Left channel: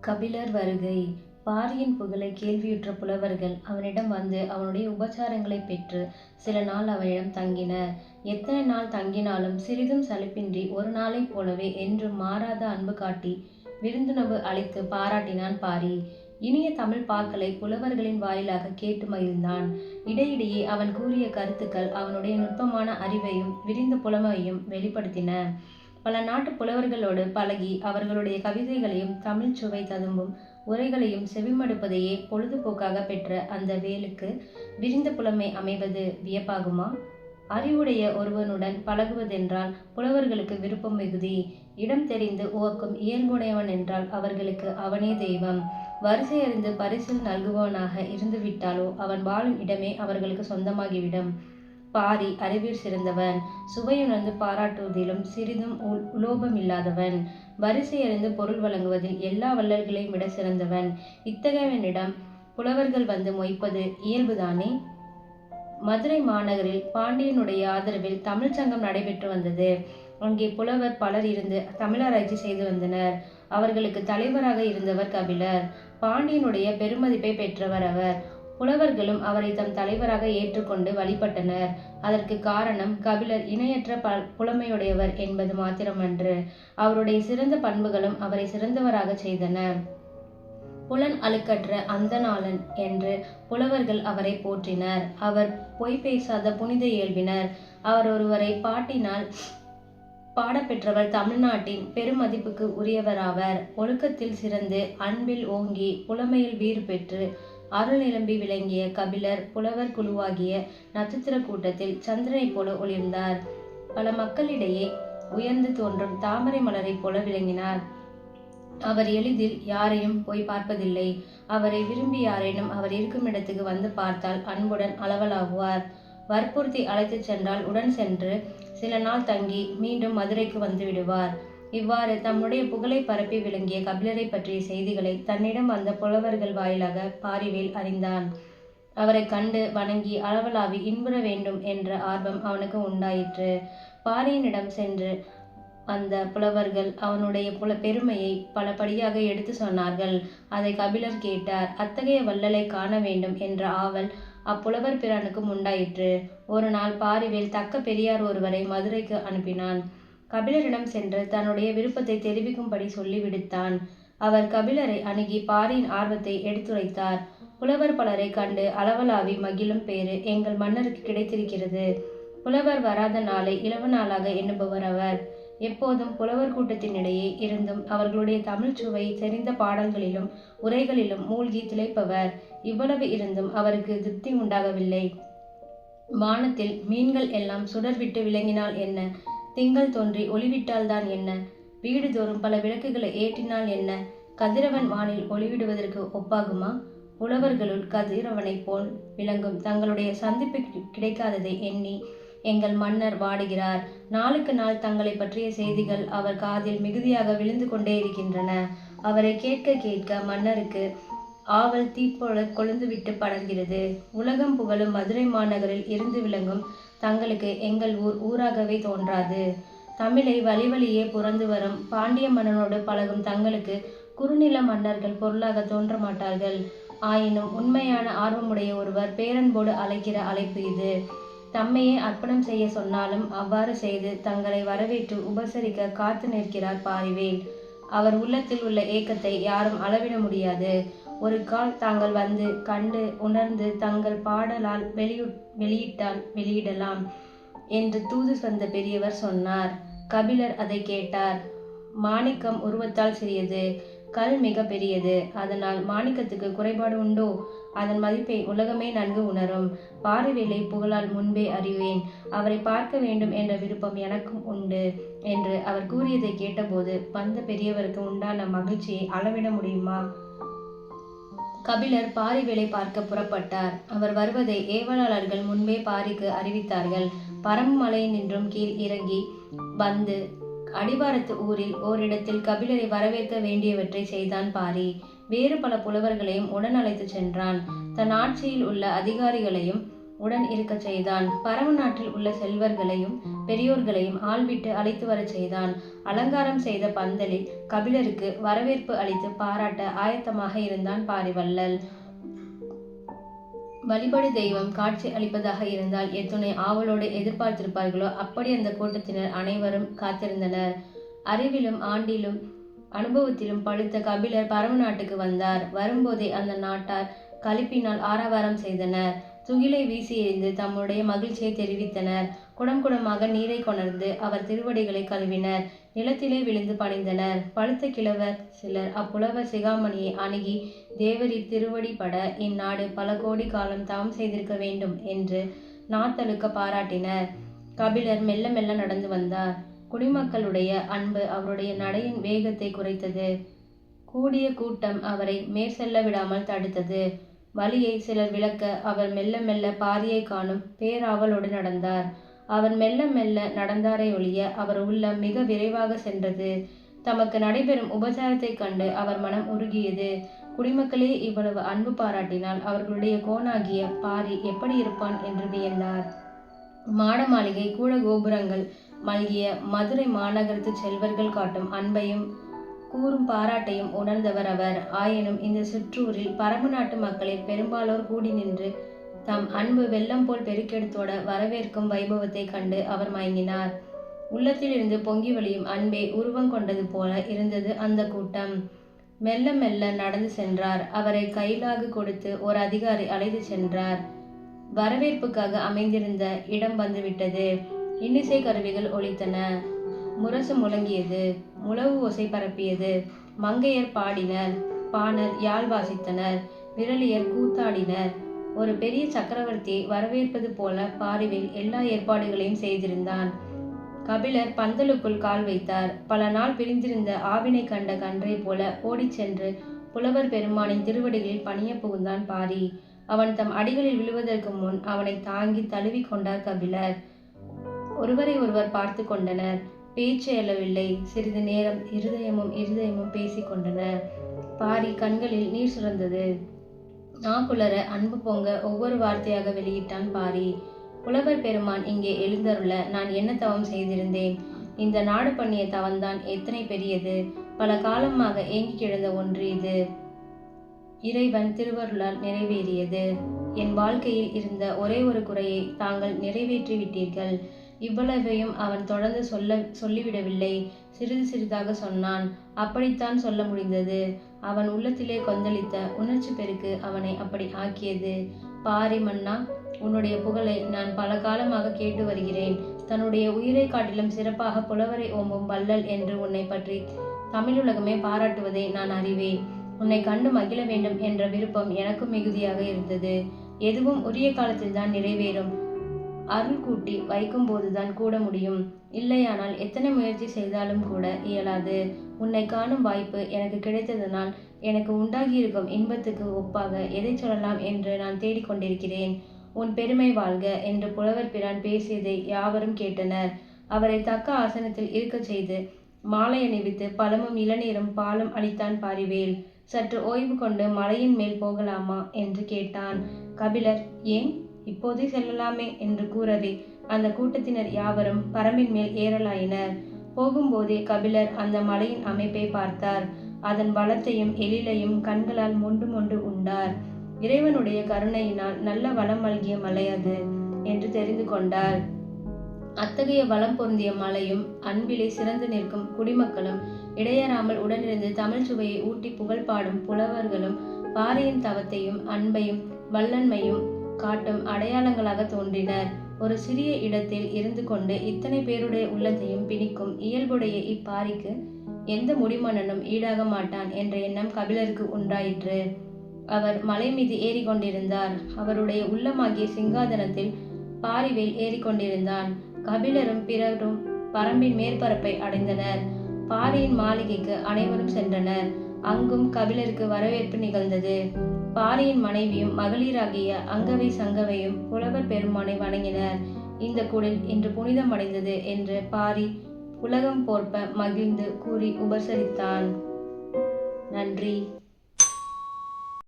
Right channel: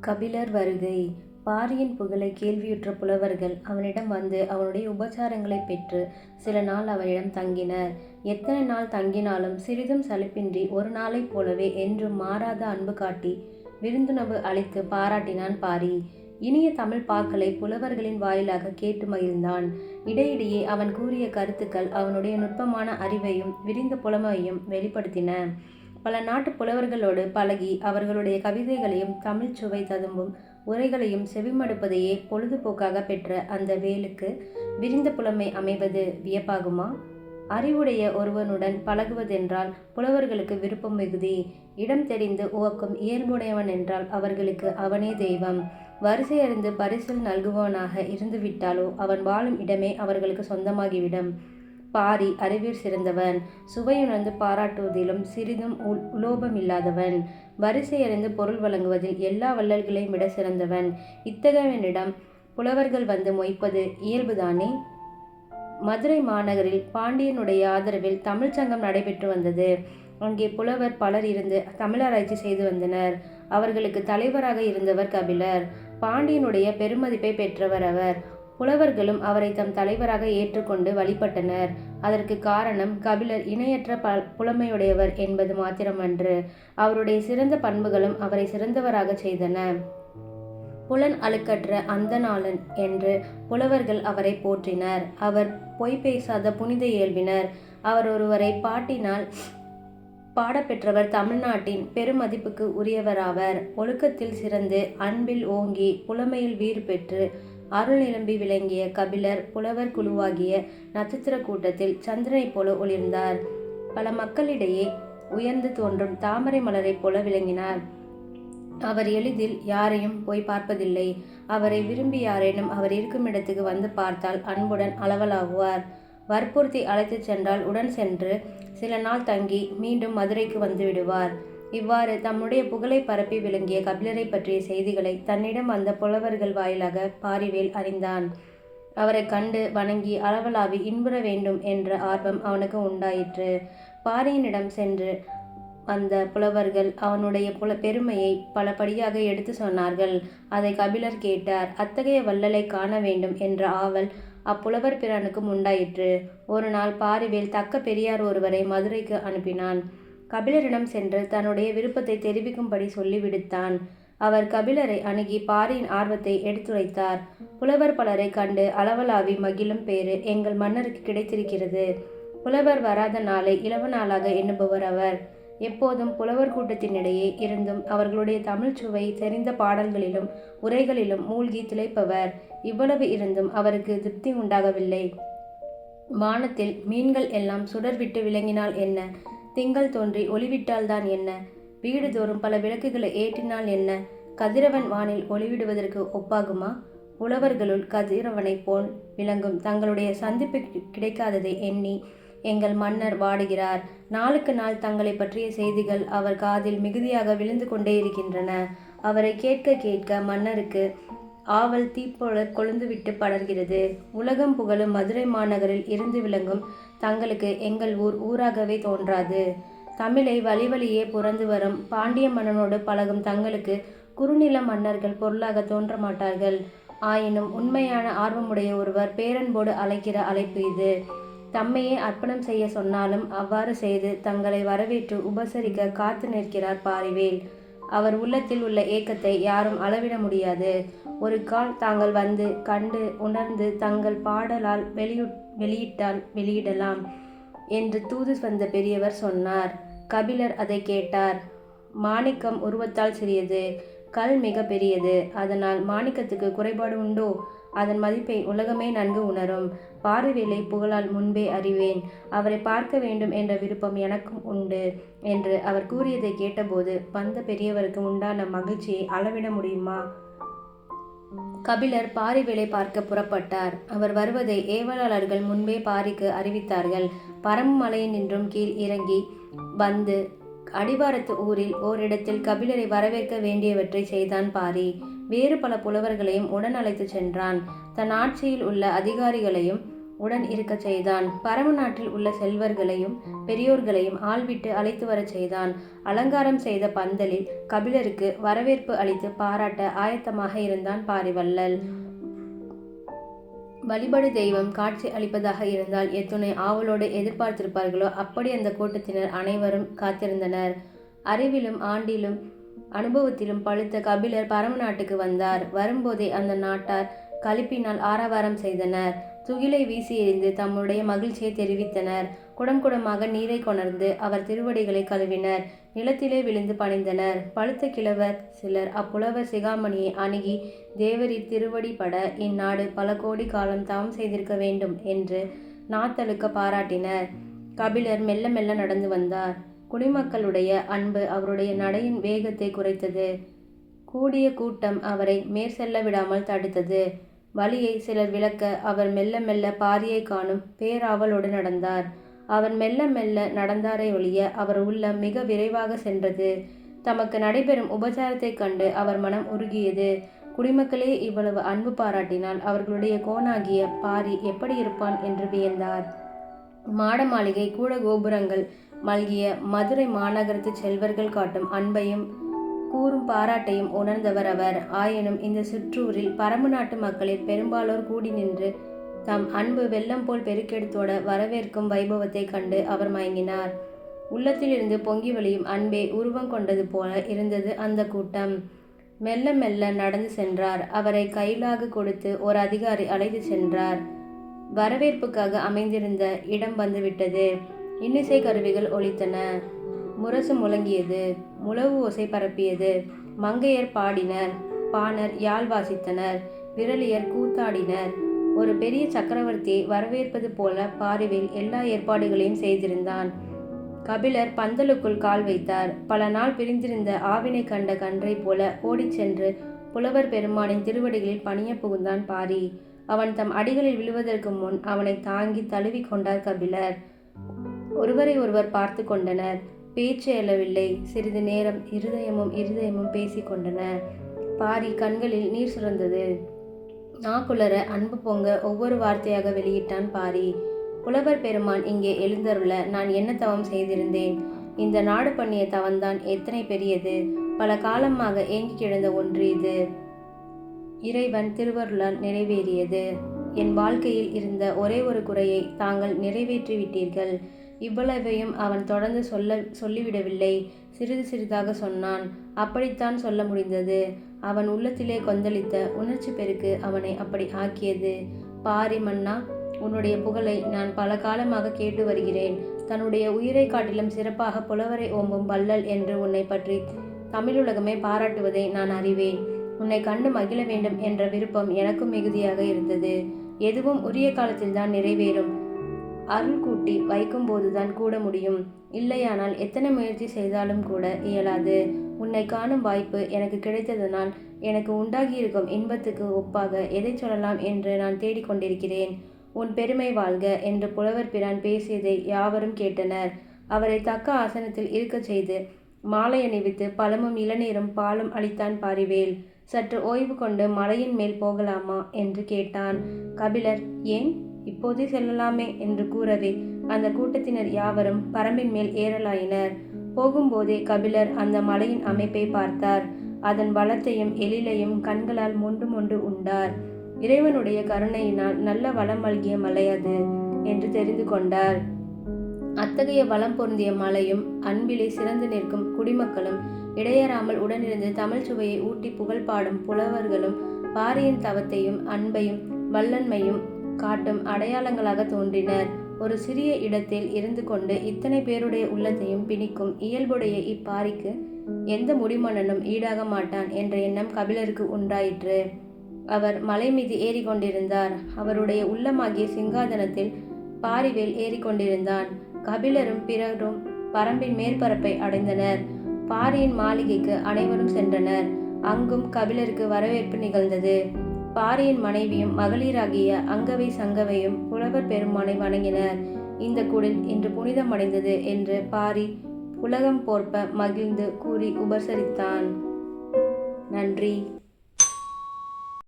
கபிலர் வருகை பாரியின் புகழை கேள்வியுற்ற புலவர்கள் அவனிடம் வந்து அவனுடைய உபச்சாரங்களை பெற்று சில நாள் அவனிடம் தங்கினர். எத்தனை நாள் தங்கினாலும் சிறிதும் சலிப்பின்றி ஒரு நாளைப் போலவே என்றும் மாறாத அன்பு காட்டி விருந்துணவு அளித்துப் பாராட்டினான் பாரி. இனிய தமிழ் பாக்களை புலவர்களின் வாயிலாக கேட்டு மகிழ்ந்தான். இடையிடையே அவன் கூறிய கருத்துக்கள் அவனுடைய நுட்பமான அறிவையும் விரிந்த புலமையையும் வெளிப்படுத்தின. பல நாட்டு புலவர்களோடு பழகி அவர்களுடைய கவிதைகளையும் தமிழ்ச் சுவை ததும்பும் உரைகளையும் செவிமடுப்பதையே பொழுதுபோக்காக பெற்ற அந்த வேலுக்கு விரிந்த புலமை அமைவது வியப்பாகுமா? அறிவுடைய ஒருவனுடன் பழகுவதென்றால் புலவர்களுக்கு விருப்பம் மிகுதி. இடம் தெரிந்து உவக்கும் இயல்புடையவனென்றால் அவர்களுக்கு அவனே தெய்வம். வரிசையறிந்து பரிசில் நல்குபவனாக இருந்துவிட்டாலோ அவன் வாழும் இடமே அவர்களுக்கு சொந்தமாகிவிடும். பாரி அறிவில் சிறந்தவன். சுவையுணர்ந்து பாராட்டுவதிலும் சிறிதும் உலோபம் இல்லாதவன் வரிசையறிந்து பொருள் வழங்குவதில் எல்லா வள்ளல்களையும் விட சிறந்தவன். இத்தகையவனிடம் புலவர்கள் வந்து மொய்ப்பது இயல்புதானே. மதுரை மாநகரில் பாண்டியனுடைய ஆதரவில் தமிழ்ச் சங்கம் நடைபெற்று வந்தது. அங்கே புலவர் பலர் இருந்து தமிழராய்ச்சி செய்து வந்தனர். அவர்களுக்கு தலைவராக இருந்தவர் கபிலர். பாண்டியனுடைய பெருமதிப்பை பெற்றவர் அவர். புலவர்களும் அவரை தம் தலைவராக ஏற்றுக்கொண்டு வழிபட்டனர். அதற்குக் காரணம் கபிலர் இணையற்ற புலமையுடையவர் என்பது மாத்திரமன்று, அவருடைய சிறந்த பண்புகளும் அவரை சிறந்தவராகச் செய்தன. புலன் அழுக்கற்ற அந்தநாளன் என்று புலவர்கள் அவரை போற்றினர். அவர் பொய் பேசாத புனித இயல்பினர். அவர் ஒருவரை பாட்டினால் பாடப்பெற்றவர் தமிழ்நாட்டின் பெருமதிப்புக்கு உரியவராவர். ஒழுக்கத்தில் சிறந்து, அன்பில் ஓங்கி, புலமையில் வீறு பெற்று, அருள் நிரம்பி விளங்கிய கபிலர் புலவர் குழுவாகிய நட்சத்திரக் கூட்டத்தில் சந்திரனைப் போல ஒளிர்ந்தார். பல மக்களிடையே உயர்ந்து தோன்றும் தாமரை மலரைப் போல விளங்கினார். அவர் எளிதில் யாரையும் போய் பார்ப்பதில்லை. அவரை விரும்பி யாரேனும் அவர் இருக்கும் இடத்துக்கு வந்து பார்த்தால் அன்புடன் அளவலாகுவார் வற்புறுத்தி அழைத்துச் சென்றால் உடன் சென்று சில நாள் தங்கி மீண்டும் மதுரைக்கு வந்துவிடுவார். இவ்வாறு தம்முடைய புகழை பரப்பி விளங்கிய கபிலரைப் பற்றிய செய்திகளை தன்னிடம் வந்த புலவர்கள் வாயிலாக பாரிவேல் அறிந்தான். அவரை கண்டு வணங்கி அளவலாவி இன்புற வேண்டும் என்ற ஆர்வம் அவனுக்கு உண்டாயிற்று. பாரியினிடம் சென்று வந்த புலவர்கள் அவனுடைய புல பெருமையை பலபடியாக எடுத்துச் சொன்னார்கள். அதை கபிலர் கேட்டார். அத்தகைய வள்ளலைக் காண வேண்டும் என்ற ஆவல் அப்புலவர் பிறனுக்கும் உண்டாயிற்று. ஒரு நாள் பாரிவேல் தக்க பெரியார் ஒருவரை மதுரைக்கு அனுப்பினான். கபிலரிடம் சென்று தன்னுடைய விருப்பத்தை தெரிவிக்கும்படி சொல்லிவிடுத்தான் அவர் கபிலரை அணுகி பாரியின் ஆர்வத்தை எடுத்துரைத்தார். புலவர் பலரை கண்டு அளவலாவி மகிழும் பேறு எங்கள் மன்னருக்கு கிடைத்திருக்கிறது. புலவர் வராத நாளை இளவு நாளாக எண்ணுபவர் அவர். எப்போதும் புலவர் கூட்டத்தினிடையே இருந்தும் அவர்களுடைய தமிழ்ச் சுவை தெரிந்த பாடல்களிலும் உரைகளிலும் மூழ்கி திளைப்பவர். இவ்வளவு இருந்தும் அவருக்கு திருப்தி உண்டாகவில்லை. வானத்தில் மீன்கள் எல்லாம் சுடர் விட்டு விளங்கினால் என்ன? திங்கள் தோன்றி ஒளிவிட்டால்தான் என்ன? வீடுதோறும் பல விளக்குகளை ஏற்றினால் என்ன? கதிரவன் வானில் ஒளிவிடுவதற்கு ஒப்பாகுமா? உழவர்களுள் கதிரவனைப் போல் விளங்கும் தங்களுடைய சந்திப்பு கிடைக்காததை எண்ணி எங்கள் மன்னர் வாடுகிறார். நாளுக்கு நாள் தங்களை பற்றிய செய்திகள் அவர் காதில் மிகுதியாக விழுந்து கொண்டே இருக்கின்றன அவரைக் கேட்க கேட்க மன்னருக்கு ஆவல் தீப்போல கொழுந்துவிட்டு படர்கிறது. உலகம் புகழும் மதுரை மாநகரில் இருந்து விளங்கும் தங்களுக்கு எங்கள் ஊர் ஊராகவே தோன்றாது. தமிழை வழி வழியே புறந்து வரும் பாண்டிய மன்னனோடு பழகும் தங்களுக்கு குறுநில மன்னர்கள் பொருளாகத் தோன்றமாட்டார்கள். ஆயினும் உண்மையான ஆர்வமுடைய ஒருவர் பேரன்போடு அழைக்கிற அழைப்பு இது. தம்மையே அர்ப்பணம் செய்ய சொன்னாலும் அவ்வாறு செய்து தங்களை வரவேற்று உபசரிக்க காத்து நிற்கிறார் பாரிவேல் அவர் உள்ளத்தில் உள்ள ஏக்கத்தை யாரும் அளவிட முடியாது. ஒரு கால் தாங்கள் வந்து, கண்டு, உணர்ந்து தங்கள் பாடலால் வெளியிட்டால் வெளியிடலாம் என்று தூது வந்த பெரியவர் சொன்னார். கபிலர் அதைக் கேட்டார். மாணிக்கம் உருவத்தால் சிறியது. கல் மிக பெரியது. அதனால் மாணிக்கத்துக்கு குறைபாடு உண்டோ? அதன் மதிப்பை உலகமே நன்கு உணரும். பாரிவேலை புகழால் முன்பே அறிவேன். அவரைப் பார்க்க வேண்டும் என்ற விருப்பம் எனக்கும் உண்டு என்று அவர் கூறியதைக் கேட்டபோது வந்த பெரியவருக்கு உண்டான மகிழ்ச்சியை அளவிட முடியுமா? கபிலர் பாரி வேலை பார்க்க புறப்பட்டார். அவர் வருவதை ஏவலாளர்கள் முன்பே பாரிக்கு அறிவித்தார்கள். பரம்பு நின்றும் கீழ் இறங்கி வந்து அடிவாரத்து ஊரில் ஓரிடத்தில் கபிலரை வரவேற்க வேண்டியவற்றை செய்தான் பாரி. வேறு பல புலவர்களையும் உடன் அழைத்து சென்றான். தன் ஆட்சியில் உள்ள அதிகாரிகளையும் உடன் இருக்கச் செய்தான். பரம நாட்டில் உள்ள செல்வர்களையும் பெரியோர்களையும் ஆள்விட்டு அழைத்து வரச் செய்தான். அலங்காரம் செய்த பந்தலில் கபிலருக்கு வரவேற்பு அளித்து பாராட்ட ஆயத்தமாக இருந்தான் பாரிவள்ளல் வழிபடு தெய்வம் காட்சி அளிப்பதாக இருந்தால் எத்துணை ஆவலோடு எதிர்பார்த்திருப்பார்களோ அப்படி அந்த கூட்டத்தினர் அனைவரும் காத்திருந்தனர். அறிவிலும் ஆண்டிலும் அனுபவத்திலும் பழுத்த கபிலர் பரம நாட்டுக்கு வந்தார். வரும்போதே அந்த நாட்டார் கலிப்பினால் ஆரவாரம் செய்தனர். துகிலை வீசி எறிந்து தம்முடைய மகிழ்ச்சியை தெரிவித்தனர். குடம் குடமாக நீரை கொணர்ந்து அவர் திருவடிகளை கழுவினர். நிலத்திலே விழுந்து பணிந்தனர். பழுத்த கிழவர் சிலர் அப்புலவர் சிகாமணியை அணுகி தேவரின் திருவடி பட இந்நாடு பல கோடி காலம் தவம் செய்திருக்க வேண்டும் என்று நாத்தழுக்க பாராட்டினர். கபிலர் மெல்ல மெல்ல நடந்து வந்தார். குடிமக்களுடைய அன்பு அவருடைய நடையின் வேகத்தை குறைத்தது. கூடிய கூட்டம் அவரை மேற்செல்ல விடாமல் தடுத்தது. வழியை சிலர் விளக்க அவர் மெல்ல மெல்ல பாதியை காணும் பேராவலோடு நடந்தார். அவர் மெல்ல மெல்ல நடந்தாரை ஒழிய அவர் உள்ளம் மிக விரைவாக சென்றது. தமக்கு நடைபெறும் உபச்சாரத்தைக் கண்டு அவர் மனம் உருகியது. குடிமக்களே இவ்வளவு அன்பு பாராட்டினால் அவர்களுடைய கோணாகிய பாரி எப்படி இருப்பான் என்று வியந்தார். மாட மாளிகை கூட கோபுரங்கள் மல்கிய மதுரை மாநகரத்து செல்வர்கள் காட்டும் அன்பையும் கூறும் பாராட்டையும் உணர்ந்தவர் அவர். ஆயினும் இந்த சிற்றூரில் பரம்பு நாட்டு மக்களில் பெரும்பாலோர் கூடி நின்று தம் அன்பு வெள்ளம் போல் பெருக்கெடுத்தோட வரவேற்கும் வைபவத்தை கண்டு அவர் மயங்கினார். உள்ளத்திலிருந்து பொங்கி வழியும் அன்பே உருவம் கொண்டது போல இருந்தது அந்த கூட்டம். மெல்ல மெல்ல நடந்து சென்றார். அவரை கையிலாக கொடுத்து ஒரு அதிகாரி அழைத்து சென்றார். வரவேற்புக்காக அமைந்திருந்த இடம் வந்துவிட்டது. இன்னிசை கருவிகள் ஒலித்தன. முரசு முழங்கியது. முழவு ஓசை பரப்பியது. மங்கையர் பாடினர். பாணர் யாழ் வாசித்தனர். விரலியர் கூத்தாடினர். ஒரு பெரிய சக்கரவர்த்தியை வரவேற்பது போல பாரிவில் எல்லா ஏற்பாடுகளையும் செய்திருந்தான். கபிலர் பந்தலுக்குள் கால் வைத்தார். பல நாள் பிரிந்திருந்த ஆவினை கண்ட கன்றை போல ஓடிச் சென்று புலவர் பெருமானின் திருவடிகளில் பணிய புகுந்தான் பாரி. அவன் தம் அடிகளில் விழுவதற்கு முன் அவனை தாங்கி தழுவி கொண்டார் கபிலர். ஒருவரை ஒருவர் பார்த்து கொண்டனர். பேச்சு எழவில்லை சிறிது நேரம் இருதயமும் இருதயமும் பேசிக்கொண்டன பாரி கண்களில் நீர் சுரந்தது. நாக்குளர அன்பு பொங்க ஒவ்வொரு வார்த்தையாக வெளியிட்டான் பாரி. புலவர் பெருமான் இங்கே எழுந்தருள நான் என்ன தவம் செய்திருந்தேன்? இந்த நாடு பண்ணிய தவம்தான் எத்தனை பெரியது? பல காலமாக ஏங்கி கிடந்த ஒன்று இது. இறைவன் திருவருளால் நிறைவேறியது. என் வாழ்க்கையில் இருந்த ஒரே ஒரு குறையை தாங்கள் நிறைவேற்றி விட்டீர்கள் இவ்வளவையும் அவன் தொடர்ந்து சொல்ல சொல்லிவிடவில்லை. சிறிது சிறிதாக சொன்னான் அப்படித்தான் சொல்ல முடிந்தது. அவன் உள்ளத்திலே கொந்தளித்த உணர்ச்சி பெருக்கு அவனை அப்படி ஆக்கியது. பாரி மன்னா உன்னுடைய புகழை நான் பல காலமாக கேட்டு வருகிறேன். தன்னுடைய உயிரை காட்டிலும் சிறப்பாக புலவரை ஓம்பும் வள்ளல் என்று உன்னை பற்றி தமிழுலகமே பாராட்டுவதை நான் அறிவேன். உன்னை கண்டு மகிழ வேண்டும் என்ற விருப்பம் எனக்கும் மிகுதியாக இருந்தது. எதுவும் உரிய காலத்தில்தான் நிறைவேறும். அருள் கூட்டி வைக்கும்போதுதான் கூட முடியும். இல்லையானால் எத்தனை முயற்சி செய்தாலும் கூட இயலாது. உன்னை காணும் வாய்ப்பு எனக்கு கிடைத்ததனால் எனக்கு உண்டாகியிருக்கும் இன்பத்துக்கு ஒப்பாக எதை சொல்லலாம் என்று நான் தேடிக்கொண்டிருக்கிறேன். உன் பெருமை வாழ்க என்று புலவர் பிரான் பேசியதை யாவரும் கேட்டனர். அவரை தக்க ஆசனத்தில் இருக்கச் செய்து மாலை அணிவித்து பழமும் இளநீரும் பாலும் அளித்தான் பாரிவேல். சற்று ஓய்வு கொண்டு மலையின் மேல் போகலாமா? என்று கேட்டான். கபிலர் ஏன்? இப்போதே செல்லலாமே என்று கூறவே அந்த கூட்டத்தினர் யாவரும் பரம்பின் மேல் ஏறலாயினர். போகும்போதே கபிலர் அந்த மலையின் அமைப்பை பார்த்தார். அதன் பலத்தையும் எழிலையும் கண்களால் மொண்டு மொண்டு உண்டார். இறைவனுடைய கருணையினால் நல்ல வளம் மல்கிய மலை அது என்று தெரிந்து கொண்டார். அத்தகைய வளம் பொருந்திய மலையும் அன்பிலே சிறந்து நிற்கும் குடிமக்களும் இடையறாமல் உடனிருந்து தமிழ் சுவையை ஊட்டி புகழ் பாடும் புலவர்களும் பாறையின் தவத்தையும் அன்பையும் வல்லன்மையும் காட்டும் அடையாளங்களாக தோன்றினர். ஒரு சிறிய இடத்தில் இருந்து கொண்டு இத்தனை பேருடைய உள்ளத்தையும் பிணிக்கும் இயல்புடைய இப்பாரிக்கு எந்த முடிமன்னனும் ஈடாக மாட்டான் என்ற எண்ணம் கபிலருக்கு உண்டாயிற்று. அவர் மலை மீது ஏறிக்கொண்டிருந்தார். அவருடைய உள்ளமாகிய சிங்காதனத்தில் பாரிவேல் ஏறிக்கொண்டிருந்தான். கபிலரும் பிறரும் பரம்பின் மேற்பரப்பை அடைந்தனர். பாரியின் மாளிகைக்கு அனைவரும் சென்றனர். அங்கும் கபிலருக்கு வரவேற்பு நிகழ்ந்தது. பாரியின் மனைவியும் மகளிராகிய அங்கவை சங்கவையும் புலவர் பெருமானை வணங்கினர். இந்த குடில் இன்று புனிதமடைந்தது என்று பாரி உலகம் போர்ப்ப மகிழ்ந்து கூறி உபசரித்தான். நன்றி.